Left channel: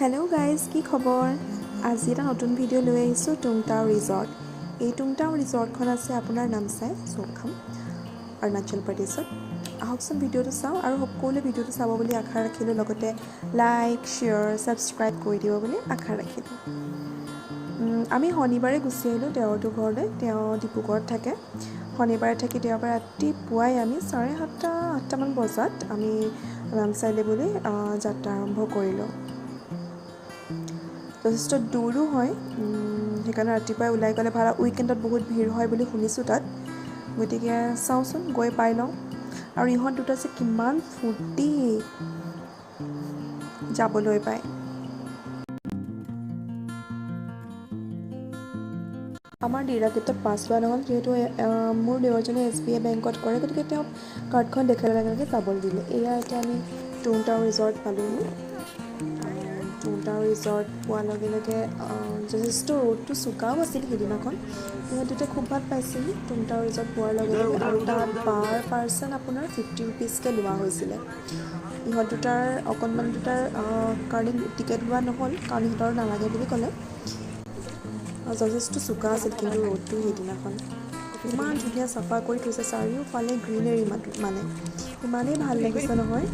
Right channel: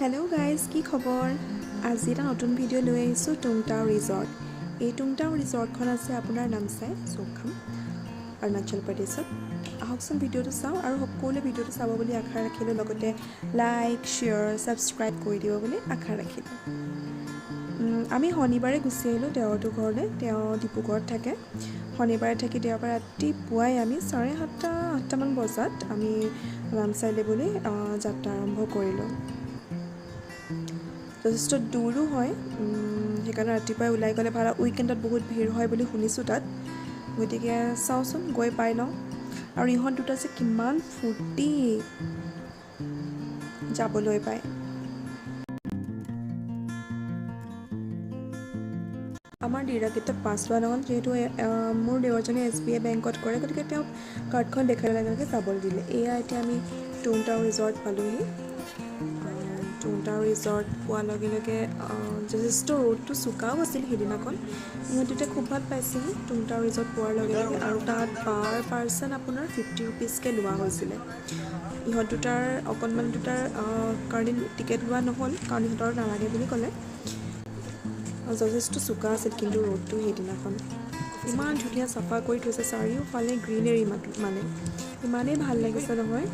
Hello' guys, কি খবৰ? আজি এটা নতুন ভিডিঅ' লৈ আহিছোঁ টুং ৰিজৰ্ট। এই টুং ৰিজৰ্টখন আছে আপোনাৰ নামচাই চৌখাম অৰুণাচল প্ৰদেশত। আহকচোন ভিডিঅ'টো চাওঁ আৰু সকলোৱে ভিডিঅ'টো চাব বুলি আশা ৰাখিলোঁ, লগতে লাইক শ্বেয়াৰ ছাবস্ক্ৰাইব কৰি দিব বুলি আশা ৰাখিলোঁ। আমি শনিবাৰে গুচি আহিলোঁ তেওঁৰটো ঘৰলৈ। তেওঁ ডিব্ৰুগড়ত থাকে। শনিবাৰে থাকি দেওবাৰে ৰাতিপুৱাই আমি 7:30-8টামান বজাত আমি নামচাইলৈ বুলি যাত্ৰা আৰম্ভ কৰিলোঁ। যথেষ্ট দূৰো হয়, সেইকাৰণে ৰাতিপুৱাই ওলাই গ'লে ভাল। উইকেণ্ডত বহুত ভিৰ হয় বুলি শুনিছোঁ তাত, গতিকে চাওঁচোন গৈ পাই লওঁ। আৰু ইহঁত দুটা যে কিমান ফূৰ্তি যাবলৈ পায়। আমাৰ ডিৰাগেটত পাছ লোৱা নহ'ল, যিহেতু মোৰ দেৱৰজনে SBI বেংকত কৰে, গতিকে তেওঁ কাৰ্ডখন দেখাই লগে লগে যাবলৈ দিলে। এয়া এতিয়া আমি টুং ৰিজৰ্ট পালোঁহি। টুং ৰিজৰ্ট পোৱাৰ লগে লগে যথেষ্ট ৰ'দটো চোকাও আছিল সেইদিনাখন। ইহঁত দুটাই খুব ভাল পাইছিল টুং ৰিজৰ্ট পোৱাৰ লগে লগে। আৰু তাত পাৰ পাৰ্চন আপোনাৰ 50 ৰুপিজকৈ লোৱা হৈছিলে। ইহঁত দুটাৰ অকণমান দুটাৰ কাৰণে টিকেট লোৱা নহ'ল, কাৰণ ইহঁতৰ নালাগে বুলি ক'লে। যথেষ্ট চোকা আছিল কিন্তু ৰ'দটো সেইদিনাখন। ইমান ধুনীয়া চাফা কৰি থৈছে, চাৰিওফালে গ্ৰীনেৰী মানে ইমানেই ভাল লাগিছে নহয়।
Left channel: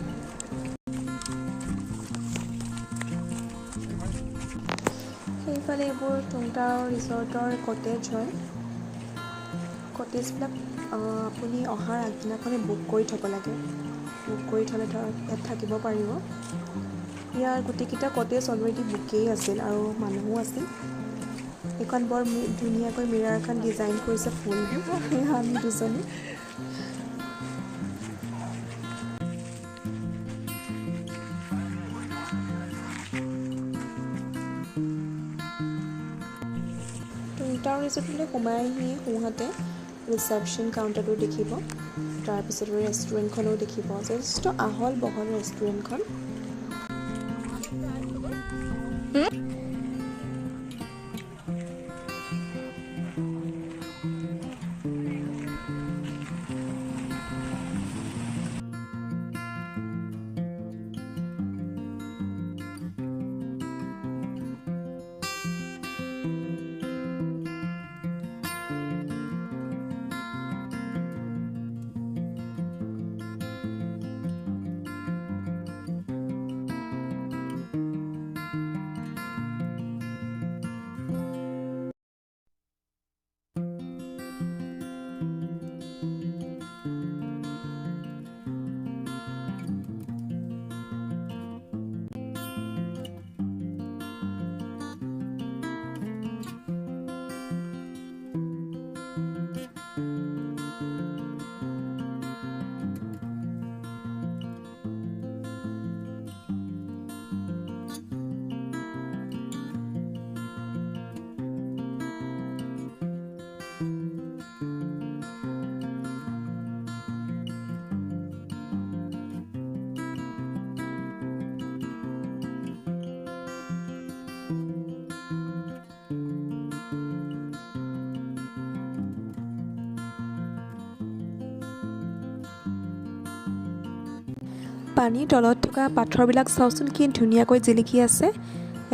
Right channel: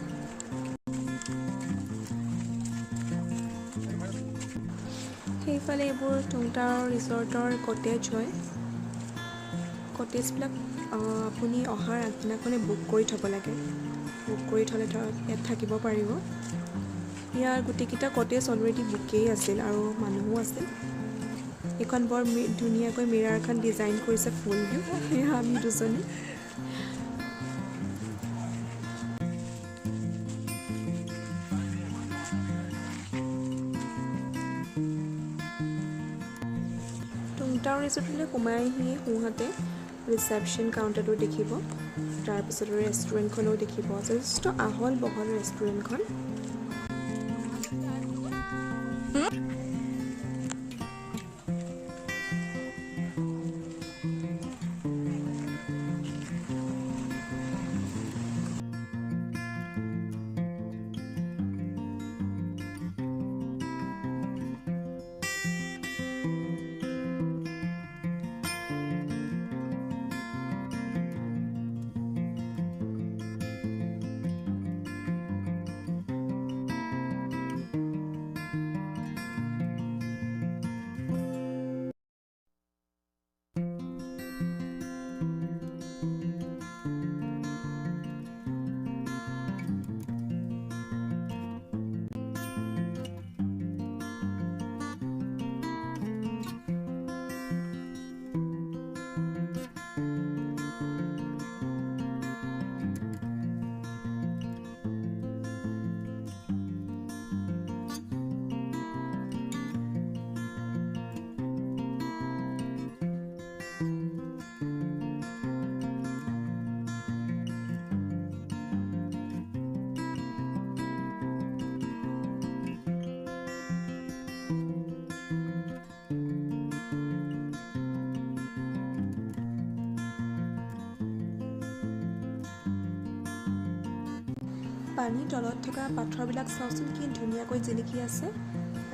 সেইফালে এইবোৰ টুং ৰিজৰ্টৰ কটেজ হয়। কটেজবিলাক আপুনি অহাৰ আগদিনাখনে বুক কৰি থ'ব লাগে। বুক কৰি থ'লে ধৰক ইয়াত থাকিব পাৰিব। ইয়াৰ গোটেইকেইটা কটেজ অলৰেডি বুকেই আছিল আৰু মানুহো আছিল। এইখন বৰ ধুনীয়াকৈ মিৰাৰ এখন ডিজাইন কৰিছে ফুল দি, আমি দুজনী। টুং ৰিজৰ্টলৈ সোমাই আহি সোঁহাতে ৰিচেপশ্যন কাউণ্টাৰটো দেখিব। তাৰপিছত ৰেষ্টুৰেণ্টখনো দেখিব, যথেষ্ট আহল বহল ৰেষ্টুৰেণ্টখন। পানীৰ তলত থকা পাথৰবিলাক চাওকচোন কি ধুনীয়াকৈ জিলিকি আছে,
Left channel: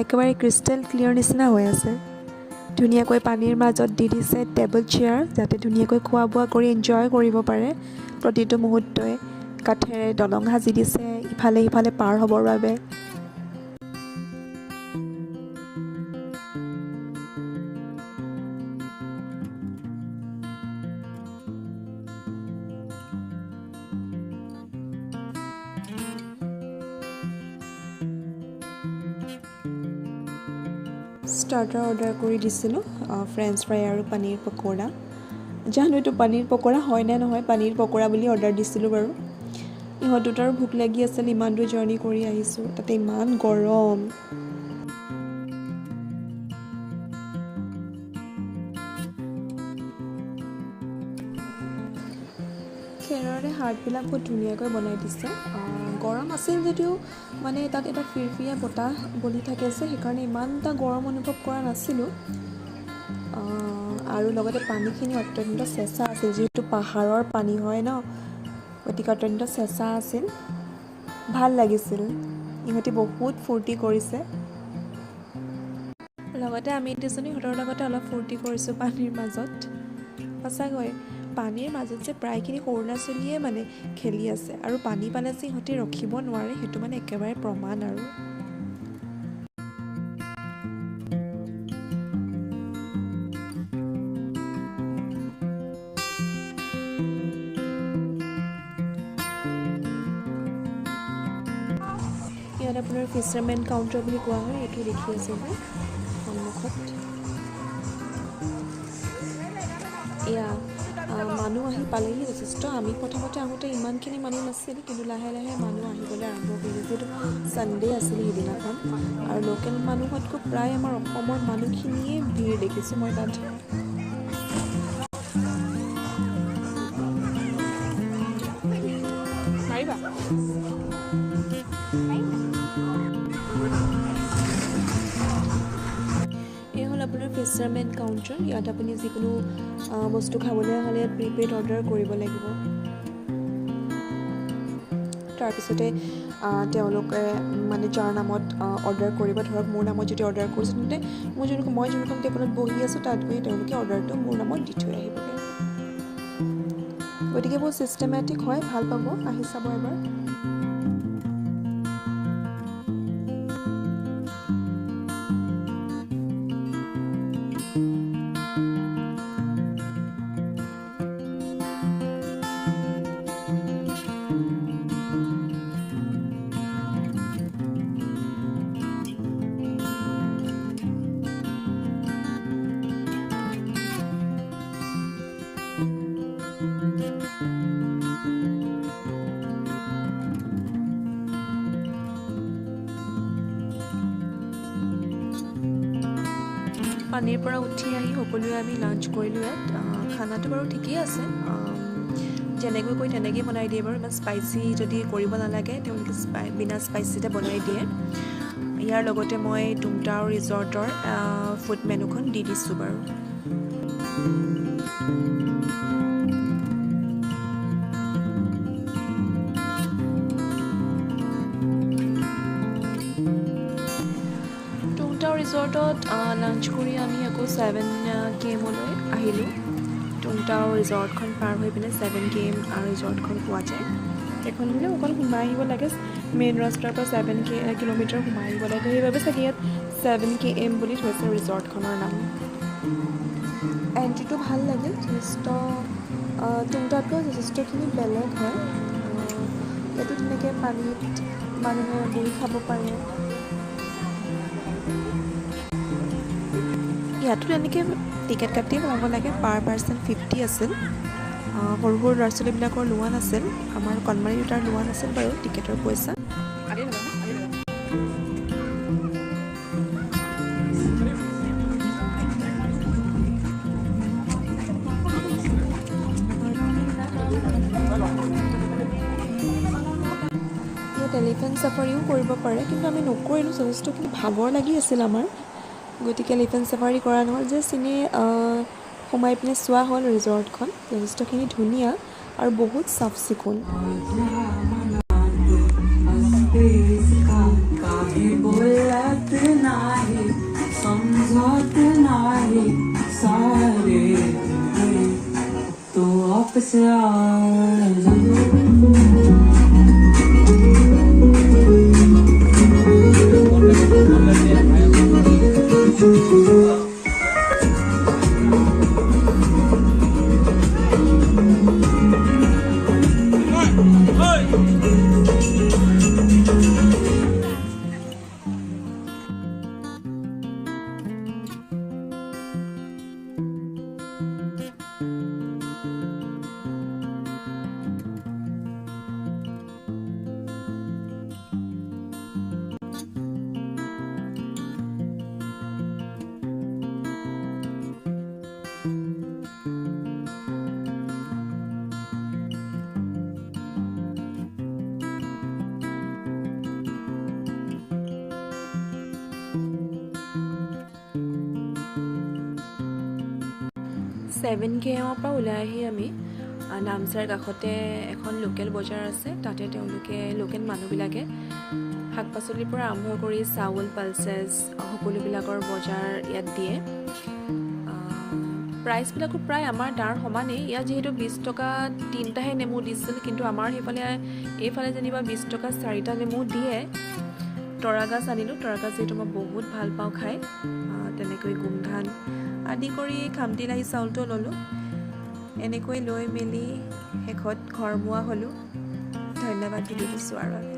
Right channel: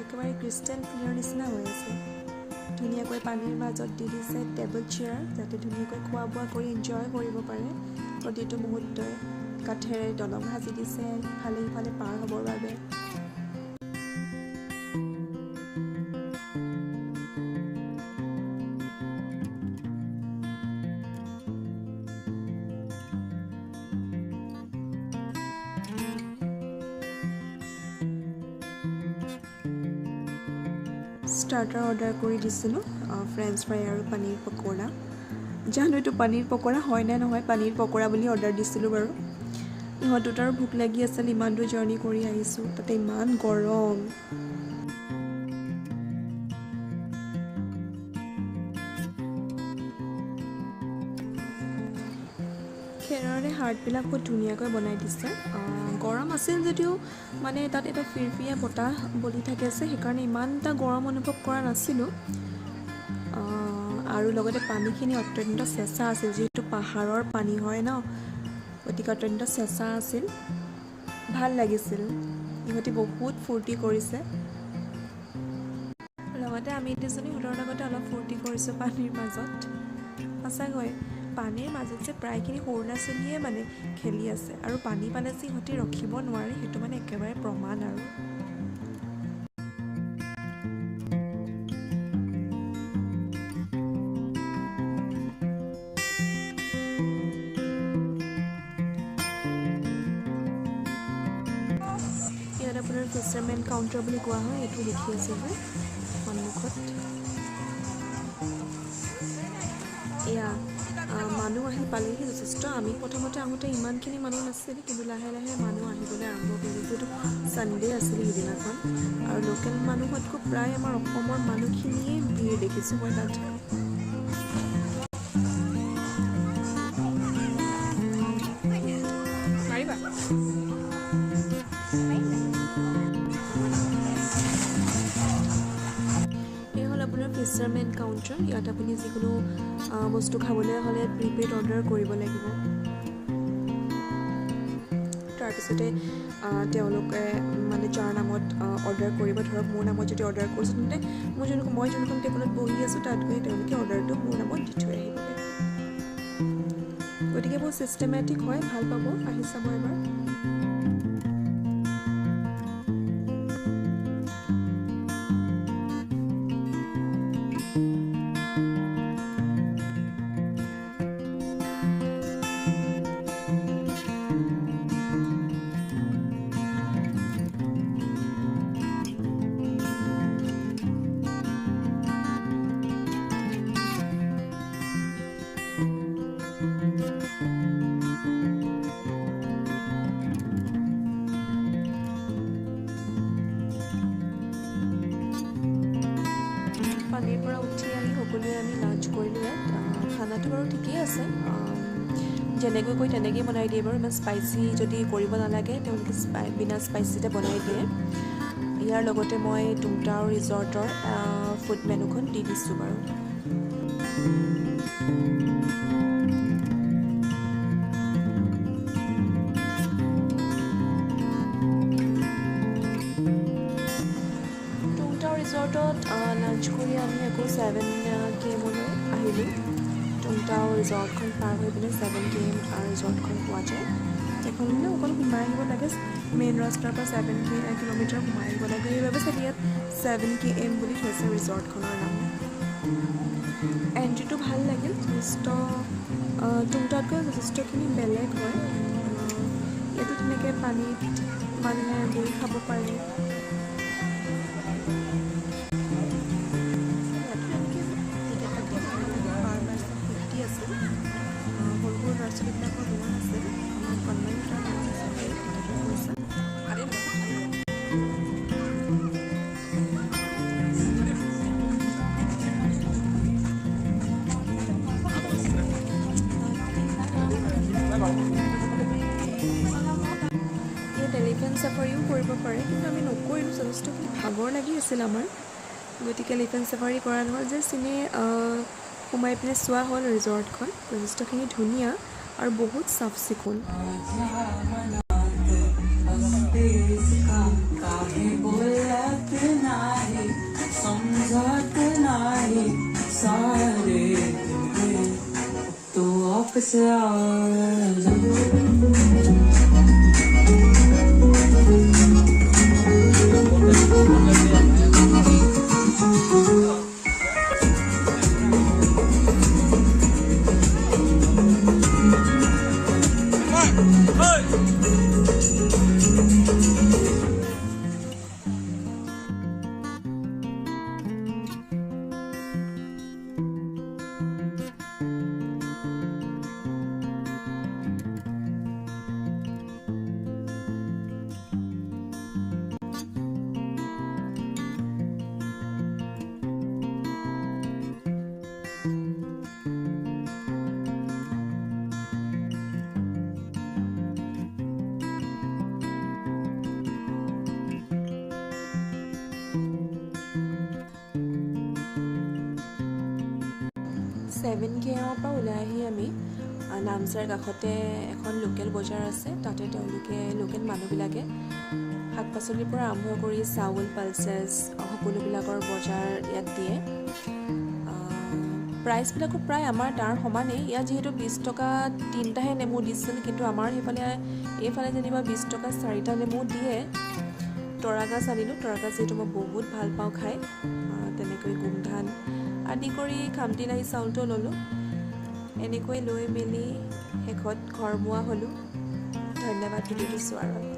একেবাৰে ক্ৰিষ্টেল ক্লিয়াৰ নিচিনা হৈ আছে। ধুনীয়াকৈ পানীৰ মাজত দি দিছে টেবুল চেয়াৰ, যাতে ধুনীয়াকৈ খোৱা বোৱা কৰি এনজয় কৰিব পাৰে প্ৰতিটো মুহূৰ্তই। কাঠেৰে দলং সাজি দিছে ইফালে সিফালে পাৰ হ'বৰ বাবে। ষ্টাৰ্টাৰ অৰ্ডাৰ কৰি দিছিলোঁ, ফ্ৰেঞ্চ ফ্ৰাই আৰু পনীৰ পকোৰা। জানো এইটো পনীৰ পকোৰা হয় নে নহয়, পনীৰ পকোৰা বুলি অৰ্ডাৰ দিছিলোঁ বাৰু। ইহঁত দুটাৰো ভোক লাগি আছিল, ইমান দূৰ জাৰ্ণি কৰি আহিছোঁ, তাতে ইমান গৰম। খেৰৰে হাৰ্টবিলাক বহুত ধুনীয়াকৈ বনাই দিছে। গৰম আছিল যদিও মানে তাত এটা ফিৰফিৰীয়া বতাহ বলি থাকে যে, সেইকাৰণে ইমান এটা গৰম অনুভৱ কৰা নাছিলোঁ। আৰু লগতে পানীখিনি অত্যন্ত চেঁচা আছিল, যিহেতু পাহাৰৰ পানী হয় ন, গতিকে অত্যন্ত চেঁচা আছিল, ভাল লাগিছিল। ইহঁতে বহুত ফূৰ্তি কৰিছে। লগতে আমি দুজনী সিহঁতৰ লগতে অলপ ফূৰ্তি কৰিছোঁ পানীৰ মাজত। সঁচাকৈ পানীৰ মাজত যে প্ৰায়খিনি সৰু ল'ৰা ছোৱালীয়ে মানে খেলি আছে আৰু পানী পালে যে সিহঁতে ৰখিব নোৱাৰে সেইটো মানে একেবাৰে প্ৰমাণ আৰু। ইয়াত আপোনাৰ ফিচাৰমেন কাউণ্টাৰ বুলি কোৱা হয়, এইটো দেখি আছে যে সন্মুখত। এয়া মানুহ আহি পালেহি যথেষ্ট। আমি প্ৰথমতে আহোঁতে ইমানখিনি মানুহ নাছিল, কিন্তু লাহে লাহে মানুহ আহিবলৈ আৰম্ভ কৰিলে, যিহেতু ছানডে আছিল সেইদিনাখন। আৰু লোকেল মানুহতকৈ প্ৰায় আমাৰ অসমৰ মানুহখিনিয়ে ভিৰ দেখিছোঁ মই তাত। মাৰিবা এই হ'ল আপোনাৰ ফিচাৰমেন কাউণ্টাৰ। ইয়াত আপুনি যিকোনো বস্তু খাবলৈ হ'লে প্ৰিপেইড অৰ্ডাৰ কৰিব লাগিব। তাৰপিছতে তেওঁলোকে মানে যাৰ নামত অৰ্ডাৰ কৰিব, ধৰক মোৰ নামত যদি অৰ্ডাৰ কৰিছোঁ তেন্তে মই যোনখন টেবুলত বহি আছোঁ তাত গৈ তেওঁলোকে অৰ্ডাৰটো মোৰ নামত দি থৈ আহিবগৈ। গতিকে বহুত ছিষ্টেমেটিক হয়, ভাল পাব, আহি চাব এবাৰ। পানীৰ পৰা উঠি আহি সকলোৱে আমি লাঞ্চ কৰিলোঁ ইয়াত। খানাটো বাৰু ঠিকেই আছে, যেনেকৈ কৈ তেনেকৈ বনাই দিয়ে বাৰু। ইমান স্পাইচি যদি কৰিব নালাগে তেওঁলোকে বিনা স্পাইচিতে বনাই দিয়ে। ইয়াৰ লগতে মই টুংটাও ৰিজৰ্টৰ ফুড মেনুখন দি দিছোঁ বাৰু। ৰিজৰ্টত লাঞ্চ কৰি আমি আকৌ 7 km আহিলোঁ। টুংটাও ৰিজৰ্টখন পাৰ হৈ পিনে 7 km ৰিজৰ্টখন পোৱা যায়। এখন মানে অকণ সোমাই আহিব লাগে, মেইন ৰাস্তাৰ পৰা 7 কিলোমিটাৰ সোমাই আহিব লাগে। সেইবাবে চাগে ইয়াত 7 km বুলি থৈছে ৰিজৰ্টখনৰ নাম। এণ্ট্ৰিটো ভাল লাগিল, যথেষ্ট টুংটাতকৈ যথেষ্টখিনি বেলেগ হয়। ইয়াতো তেনেকৈ পানীত মানুহে বহি খাব পাৰে। ইয়াতো তেনেকৈ টিকেট কাটি সোমাব লাগে, পাৰ পাৰ্চন 50 আছিল। সৰু সৰু ল'ৰা ছোৱালীবিলাকৰ লোৱা নাছিল, আমাৰ কণমানি দুটাৰ লোৱা নাছিল বাৰু টিকেটৰ পইচা। ইয়াত এলিফেণ্ট চাফাৰীও কৰিব পাৰে, কিন্তু আমি নকৰিলোঁ, যথেষ্টখিনি ভাগৰ লাগি আছিল আমাৰ। গতিকে এলিফেণ্ট চাফাৰী কৰা নহ'ল, জাষ্ট এনেই সোমাই পিনে চোৱা হ'ল ৰিজৰ্টখন। যথেষ্টখিনি ধুনীয়া আৰু বহুত চাফ চিকুণ। ছেভেন KMৰ পৰা ওলাই আহি আমি নামচাৰ কাষতে এখন লোকেল বজাৰ আছে, তাতে তেওঁলোকে লোকেল মানুহবিলাকে শাক পাচলিৰ পৰা আৰম্ভ কৰি চাউল পালচেছ সকলোবিলাকৰ বজাৰ ইয়াত দিয়ে প্ৰাইচবিলাকো প্ৰায় আমাৰ তাৰ সমানেই ইয়াত যিহেতু 20 টকা 3টাহে নেমু দিছিল কিন্তু আমাৰ এইফালে যেনিবা 20 টকা 4টা নেমু দিয়ে তৰাগাছ আনিলোঁ তৰাগাছ যিহেতু মই বহুত ভাল পাওঁ খাই তেনেকৈ গোমধান আদি কৰি খামটি লাহি চাউলটো ল'লোঁ এনেকৈ লৈ মেলি শেষত ঘৰমুৱা হ'লোঁ ধন্যবাদ ভিডিঅ'টো চোৱাৰ বাবে